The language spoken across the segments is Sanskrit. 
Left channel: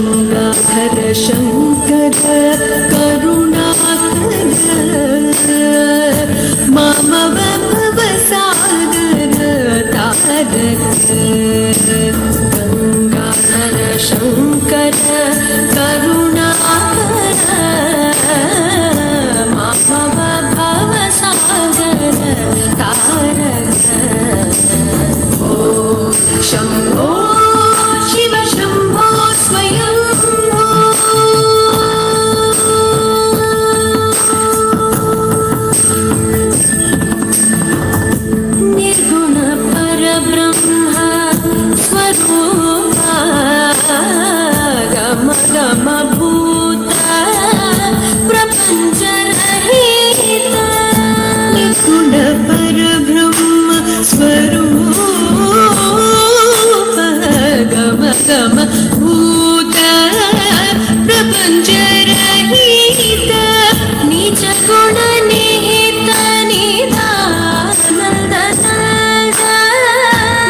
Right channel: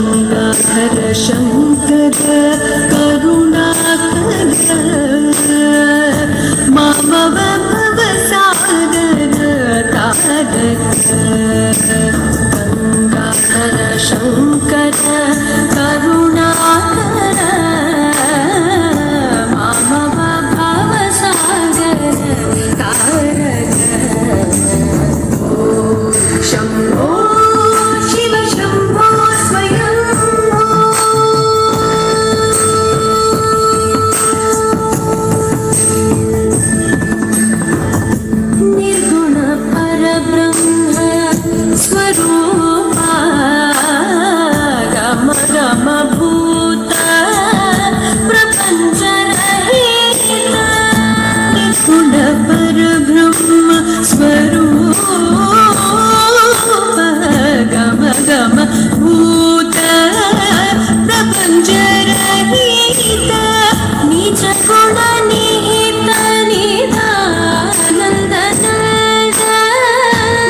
गंगाधर शंकर करुणाकर मम भवसागर तारक गंगाधर शंकर करुणाकर मम भवसागर तारक शंभो शिव शंभो स्वयंभो निर्गुण परब्रह्म स्वरूप गम गम भूत प्रपंच रहित निर्गुण परब्रह्म स्वरूप गम गम भूत प्रपंच रहित निज गुण निहित निधानंद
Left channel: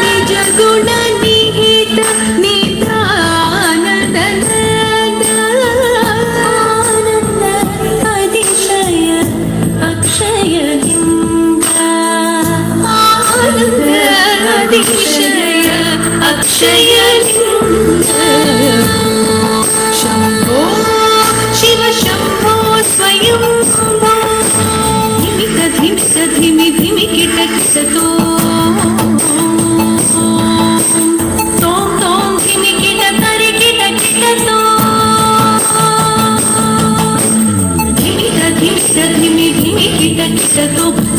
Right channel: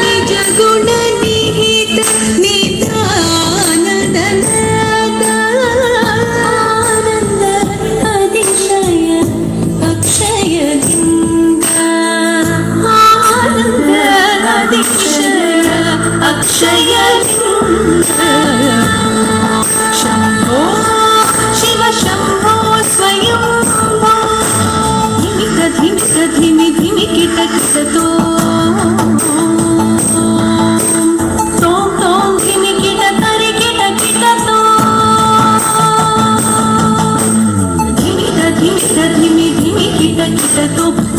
निज गुण निहित निधानंद आनंद अतिशय अक्षय लिंग आनंद अतिशय अक्षय लिंग शंभो Shiva Shambho Swayambho धिमिक धिमिक धिमि धिमि kit kit तोम तोम धिमि kit तरि किट किट धिमिक धिमिक धिमि धिमि किट किट